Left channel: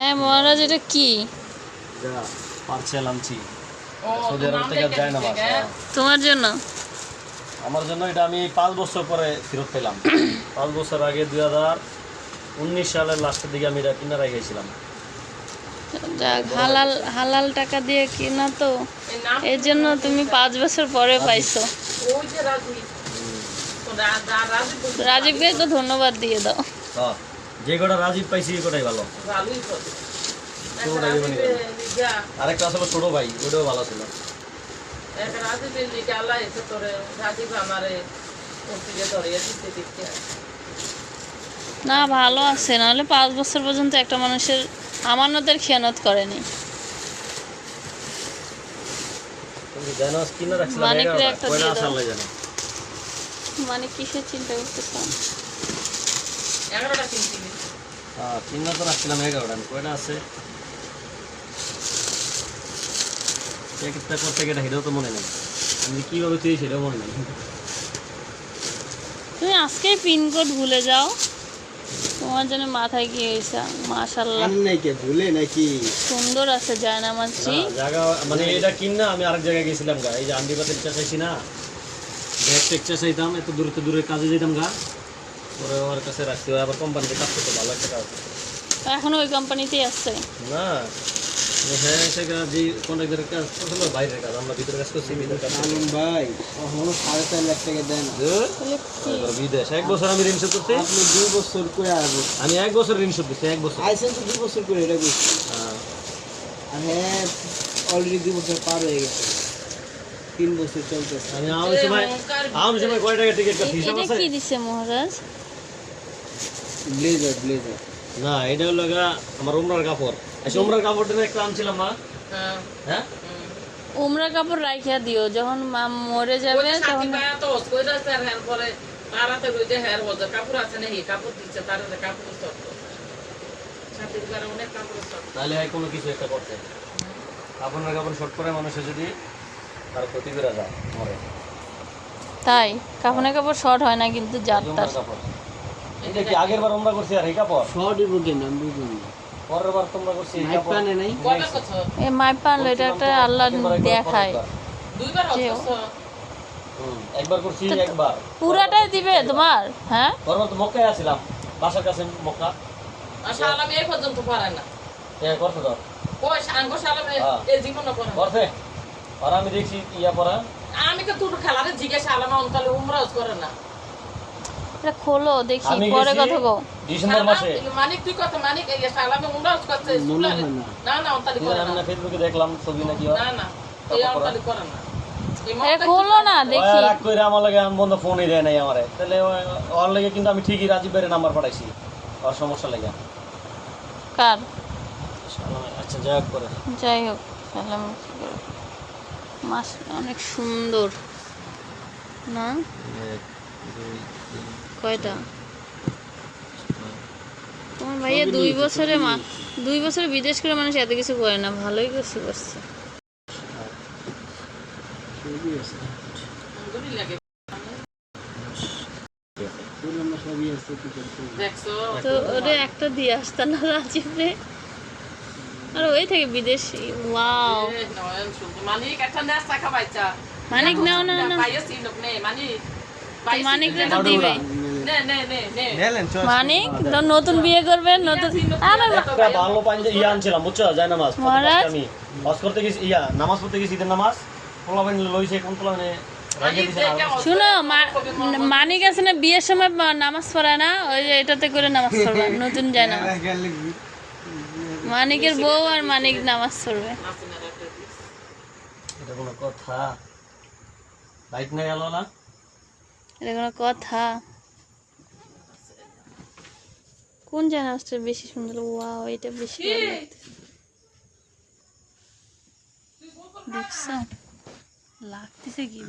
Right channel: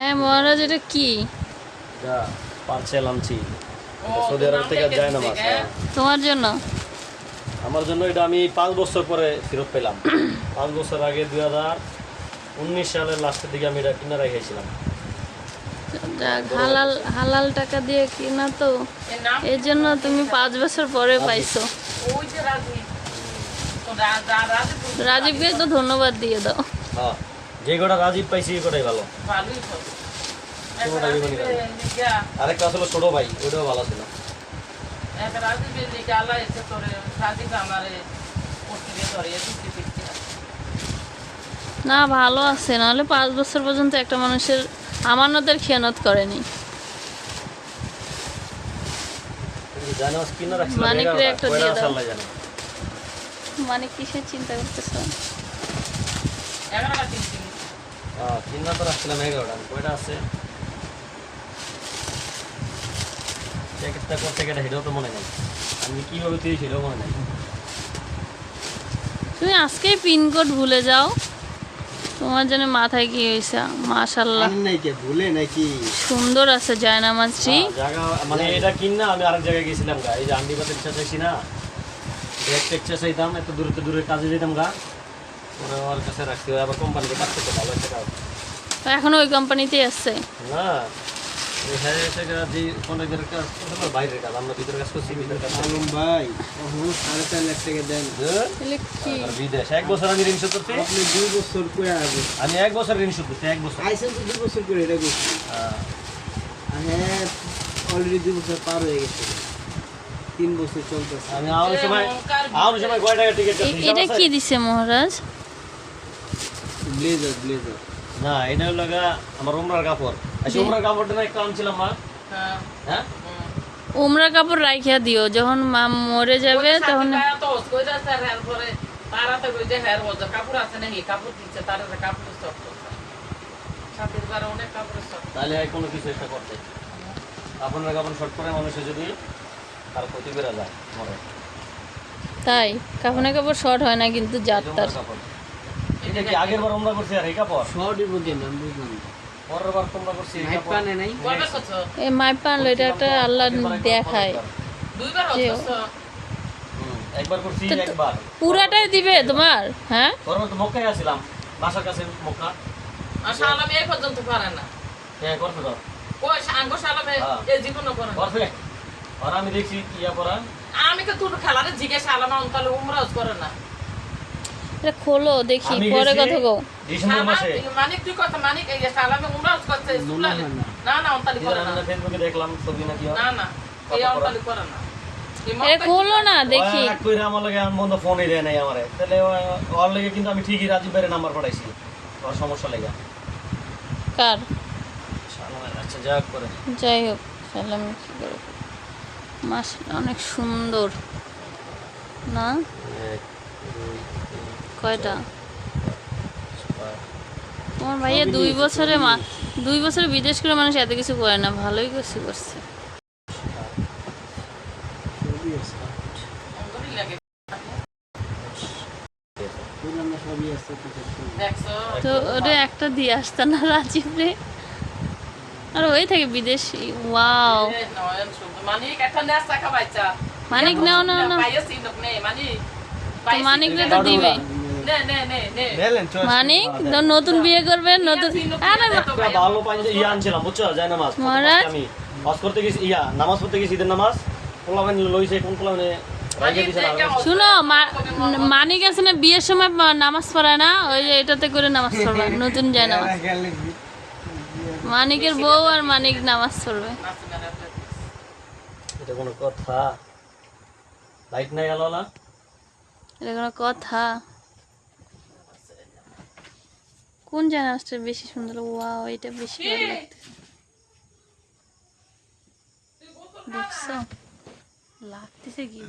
হ্যাঁ মহারাজ এটা কি? যা পার্সেল আনছি। সৌদি আরব থেকে যায় না মাছ হ্যাঁ। তোমার জন্য? আমার জন্য এটা আমি পাঁচ বছর পরে ফেরত পেলাম। পাঁচ বছর আগে দুই হাজার উনিশ সালের লাস্টের দিকে আমি এটা কিনে রেখেছিলাম। হালাল হালাল টাকা দিয়ে কিনা তো। এর জন্য তুমি পাঁচ বছর পরে পাইছো। রাজীবকে তো ধন্যবাদ দিয়ে দাও। হ্যাঁ। যে কটা রাজীব পাইছি এই কটাই ভালো। আরেকটা আসলে ছোট ভাই ওটাও ভালো ছিল। না ভালো আছে। নাহলে পাঁচ বছর পর্যন্ত একটা মানুষের আমানতের খেয়ানত করেনি। জানে। মানে কিসের চিন্তা করতেছ? কিনে তো রাখছিলাম এগারোটা কয়টা আছে করতে সেটাও তো মনে নেই আমি কীভাবে তুই সেটাও মনে নেই তুমি পিনকোড ভুলে যাও। তোমার জন্য মাথায় কি হয়েছে? মাশাল্লাহ নাকি ভুলে নাকি? সুন্দর আছে জায়নামাজটি হ্যাঁ, জায়গা মানে এটা কিন না আমি আরেক জায়গায় গেছিলাম গা। এই যে চাইছি না। একটা একটা চাইতাম এত দূরে দূরে কাজে যেতাম গা। ওরা আমার কাছে রাখছি। আবার কোম্পানিতে কাজ করতে ভালো একটা কাজ। এখনও ওই কোম্পানিতেই আছে? না ও হ্যাঁ। আলম ভাই কখনো সাড়ে চার লাখ টাকা হ্যাঁ? তাহলে কি? আর বিদেশ এক বছর আমি ঋণ শোধ করছি। আপনি দুই বছর করে আসব আমি এক বছর ঋণ শোধ এক বছর। আইসেন তো দুই বছর করে এটা করছি হ্যাঁ। অলরেডি দুই বছর পার হয়ে গেছে। তিন বছর চলতেছে। আমি আমার সময় আমার সময় কয় টাকা টিকিট কাটছি এ- হিসাব এটা কি দিছে মহারাজ? ব্লেজার ব্লেজার না এটা হলো আমার উমরার কাপড়। আচ্ছা উমরার কাপড়টা একটু আনছিলাম মা। হ্যাঁ। উমরা কাপড় রাখিয়া দিও যখন মা মরে যাবে তখন তাহলে কোনো কিছু একটা করতে। কাপড় শর্ট করে মানুষের যদি তার ক্ষতি করে যায় মরে। তাই কাপড়ের কাপড় শর্ট হয় না কিন্তু যার কাপড়। এটা কি আগের বার উমরা করছি আর এই কাপড়? কেন? আমি বুঝলাম না। পরের বার তোমরা করছি এই কাপড়। পানে নাই? এই এটা একটা আল্লাহ দেখায়। যে হুম, একবার করছি একবার। পুরাটাই দিবে তোমার হ্যাঁ? পরবার তো মক্কায় আসছিলাম বাসার কাছে মক্কা। এ করতে দাও। করতে আর আমি দেখছি ইয়া পরা। আমি তো তোর খেলারে জিজ্ঞাসা আলাম অন্তলে উমরাজ করে না। এটা খোলো দেখি আমি পরে কথা ডিসেম্বর মাসে। মানিক তুই কথা মানিক এই উমরাজ করতে না। না অন্তলি করে না। আমি ফেসবুকে দেখলাম ছবি নাকি না না এই অন্তলি করে না। এটা খোলো না দেখি। রাগ করে আমার লাগে আমি বন্ধ ফোনই দেয় নাই আমারে। তাহলে ওর লাগে কিন্তু আমি ঠিকই রাজীব ভাইয়ের নাম্বার পাঠাইছি। ওর সমস্যা লেগে। কার? আচ্ছা যাক করে যাই হোক সালাম মাস অনেক সুন্দর। না? কয়টা? তোমার ভাইয়া দুই বছরে মা দুই বছরে বিদেশ করে মানুষ এত কিছু করে না ভালোই কিছু করছে। না তো ওটা একটা দিয়ে আসতে না রাজীব রে। আর ওই থেকে বিদেশি ওয়াও। মানিক একটা নেস টাকা বাইচা মানিক নাও নে মানিক। তো মানিক তো দিবে। নে নে নে নে মানিক তো নতুন বিয়ে করবে নতুন ভালো পাঞ্জা ইয়া আনছিলাম বুঝছ? যায় নামাজ আমি হজ করতে গেছি ইয়া নামাজ পড়তে গেছি ঈদের নামাজ। পোলাবেন লইছে কোন পোলাবেনে শুনো মানিক আছে না বিয়ের সময় নামাজ পড়ে না ওই এটাতে করে নামাজ পড়বে নতুন যায় নামাজ। মানিকের বউ আর মানিক নামাজ পড়বে। এটা কোনো কথা। না? এটা কোনো কথা। কোন জাহাজটা বেশি সুন্দর? ওয়াও এটা বেশি ভালো লাগতেছে। দেখছ? লাগতেছে কি?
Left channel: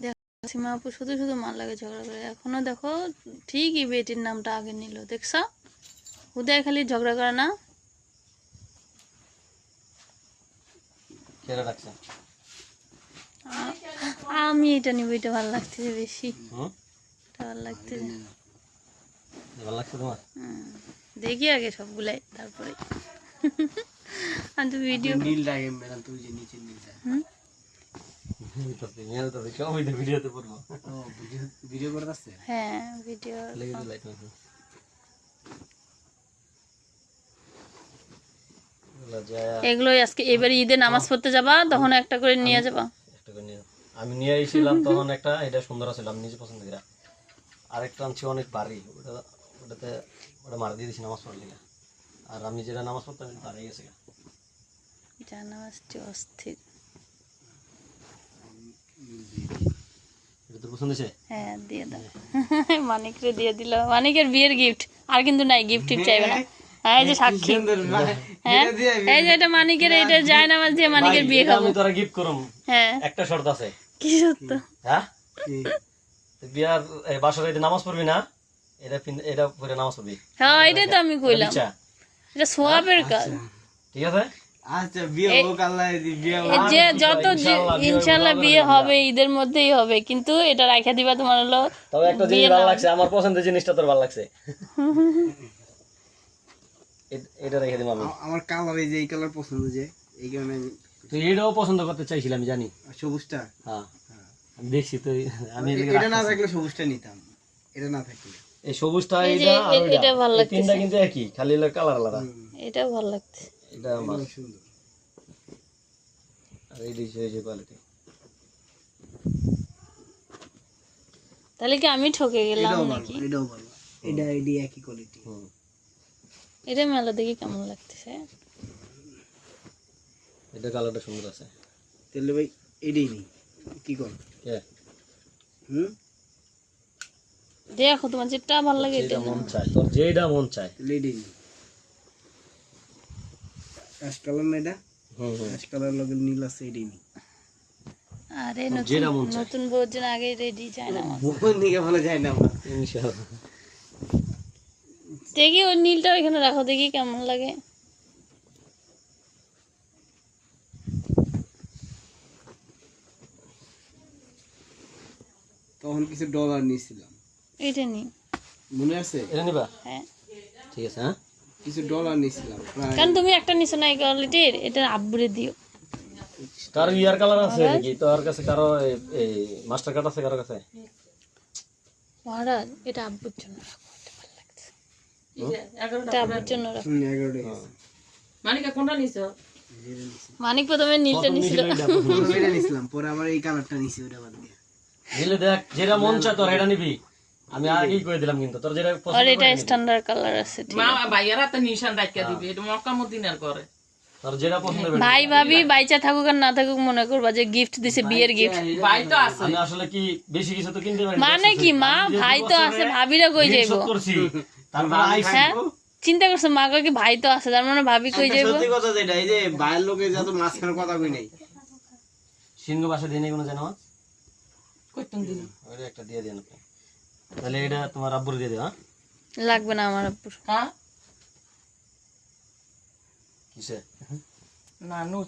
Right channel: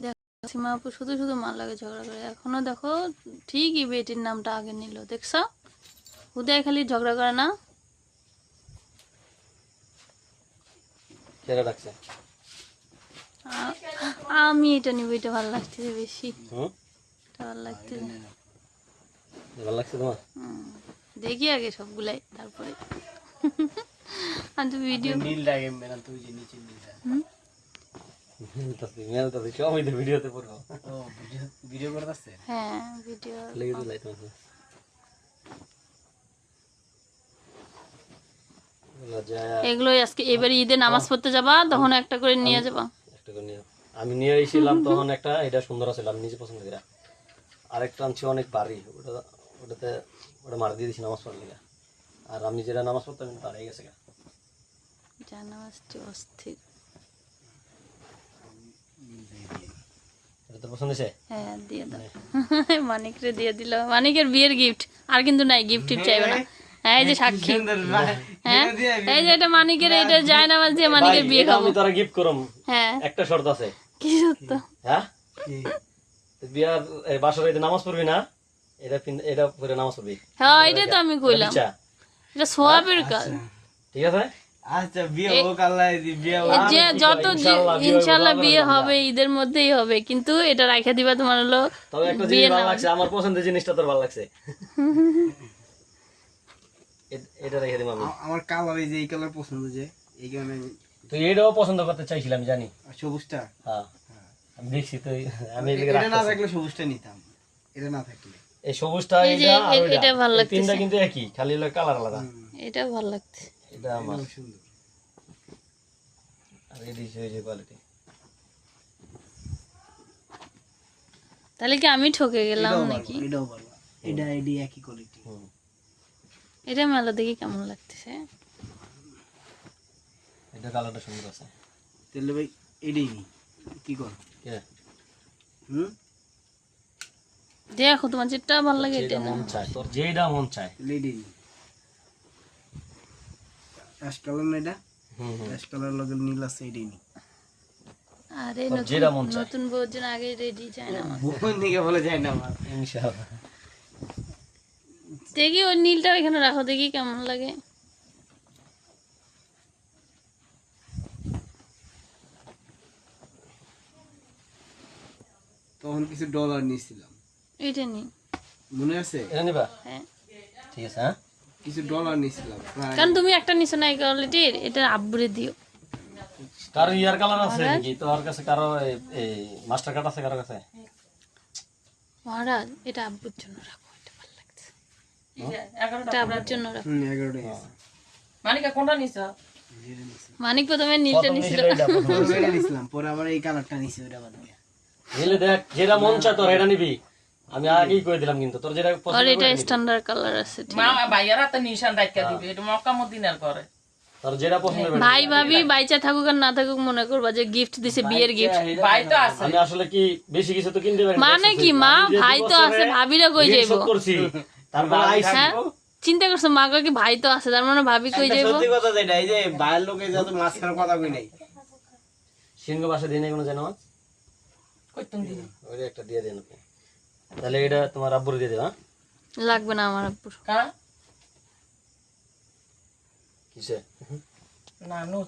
দেখো সীমা আপু শুধু শুধু মার লাগে ঝগড়া করে। এখনও দেখো ঠিকই বেটির নামটা আগে নিল দেখছ? হুদায় খালি ঝগড়া করে না? ছেড়ে রাখছে। আ- আমি এটা নিব এটা ভালো লাগতেছে বেশি। হুম ভালো লাগছে ভালো লাগছে তোমার? দেখি আগে সবগুলাই তারপরে। আমি তো ভিডিও তুই যে নিচে হ্যাঁ ভিডিও এগুলোই আজকে এবারে ঈদে নামাজ পড়তে যাবা তখন একটা করে নিয়ে যাবা। একটা করে নিয়ে আমি নিয়ে এসেছিলাম তখন একটা এটা সুন্দর আছে আমি নিজে পছন্দ করি আরেকটা আনছি অনেক ভারী ওটা ওটাতে ওটা মার দিয়ে দিছি নামাজ পড়লি না আর আমি যেটা নামাজ পড়তাম হারিয়ে গেছে গা। যা নামাজটি অস্থির। হ্যাঁ দিয়ে দাও। মানিকরে দিয়ে দিল। মানিকের বিয়ের গিফট আর কিন্তু নাই গিফট চাইবে না। এই যে সাক্ষী। হ্যাঁ। এই যে এটা মানিকের এটা যায় নামাজ দিয়ে মানিকের বিয়ে খাব আমি তোরা গিফট করম। হ্যাঁ। একটা শর্ত আছে। কি সত্য হ্যাঁ? বিয়ার বাসার এই নামাজ পড়বি না? এটা এটা পরে নামাজ পড়বি। হ্যাঁ এটাই তো আমি কইলাম। আচ্ছা। এটা সোয়াবের কাজ। ঠিক আছে? আচ্ছা বিয়ে হোক আল্লাহ বিয়ে যে যত ইনশাআল্লাহ, বিয়ে ইনশাল্লাহ হবে, বিয়ে হবে ঈদের মধ্যেই হবে কিন্তু এটা রাখা দিবা তোমার হলো তবে একটা জিনিস ভালো লাগছে আমার পছন্দের জিনিসটা তোর ভালো লাগছে। এটা রেখে আমি। আমার কালার এই যে এই কালার পছন্দ যে এই কারণে তুই এটাও পছন্দ করতে চাইছিলাম জানি। সবুজটা? হ্যাঁ। আমি দেখছি তুই আমি এটা না থাকলে সবুজটা নিতাম। এটা না থাকলে। এই সবুজটা এইটা আর এটা ভালো তিনটা কিন্তু একই খালি হলো কালার আলাদা। এটা ভালো লাগছে এটা আমার। সুন্দর। আর এই দিছে এই যে কোয়ালিটি তাহলে কি আমি ঠকে গেলাম নাকি? এটাও ভালো। এটা এডি একই কোয়ালিটি হুম। এটা মেলা দেখি কেমন লাগতেছে? এটা কালারটা সুন্দর আছে। তাহলে ভাই এডি নি কি কর? কে? হুম? দেখো তোমার যেটা ভালো লাগে এটা মন চায় তোর যেটা মন চায়। নি অ্যাশ কালার না এটা? হুম হুম। অ্যাশ কালার লগে নীল আছে এডি নি আরে নতুন নতুন বউর জন্য আগে রেডি যায় না আমার। বলে যায় না আমার। ইনশাআল্লাহ। দেখি ওই নীলটা এখানে রাখো দেখি কেমন লাগে। তখন কিছু ডলার নিয়েছিলাম। এটা নি। মনে আছে? এটা নিবা? হ্যাঁ। ঠিক আছে হ্যাঁ। কিছু ডলার নিয়েছিলাম কারণ তুমি একটা নিছো না এই কোয়ালিটির এটা আব্বুরে দিও। কারও ইয়ার কালার আছে নাকি? তোর কাছে কারও এই- এই মাস্টার কার্ড আছে কারও কাছে? মহারাজ এটা আব্বুর জন্য রাখো। মানিকা কোনটা নিছ? যেটা নিছি। মানিক প্রথমে নীলটা নিছিল। নিছিলাম পরে আবার এই কালারটা নিছি ওইটা বাদ দিয়ে। দেখ যেটা মন চায় তোর এটা নিবি। আমি আগেই করে দিলাম কিন্তু তোর যেটা আর এটা স্ট্যান্ডার্ড কালার আছে মা ভাইয়ারা তো নিশান ডাক্কা দিবি এটা মক্কা মদিনার করে। তোর যেটা পছন্দ হবে ভাই ভাবি বাইচা থাকুক আর না থাকুক মনে করবা যে গিফট দিছে বিয়ের গিফট ভাই তো আছে। আসলে কি বেশি কিছু তো কিনতে পারি মানে কি মা? ভাই তো আছে ভাবিরা কই যাইবো? চিন্তা করছ মা কয় কি ভাই তো আছে তার মানে ভাবি কই যাইবো? সত্যি কথা যেটা এই যে বাইরের লোকে যত মাঝখানে কথা কই নাই। সিংহ বাসা দিয়ে নেই কোনো জানো কইতুম দিল ওইটা একটা দিয়ে দেন আপনি তাহলে এটা তোমার আব্বুর দিয়ে দেবে হ্যাঁ? লাগবে না আমার আব্বুর। হ্যাঁ কিসে? না নো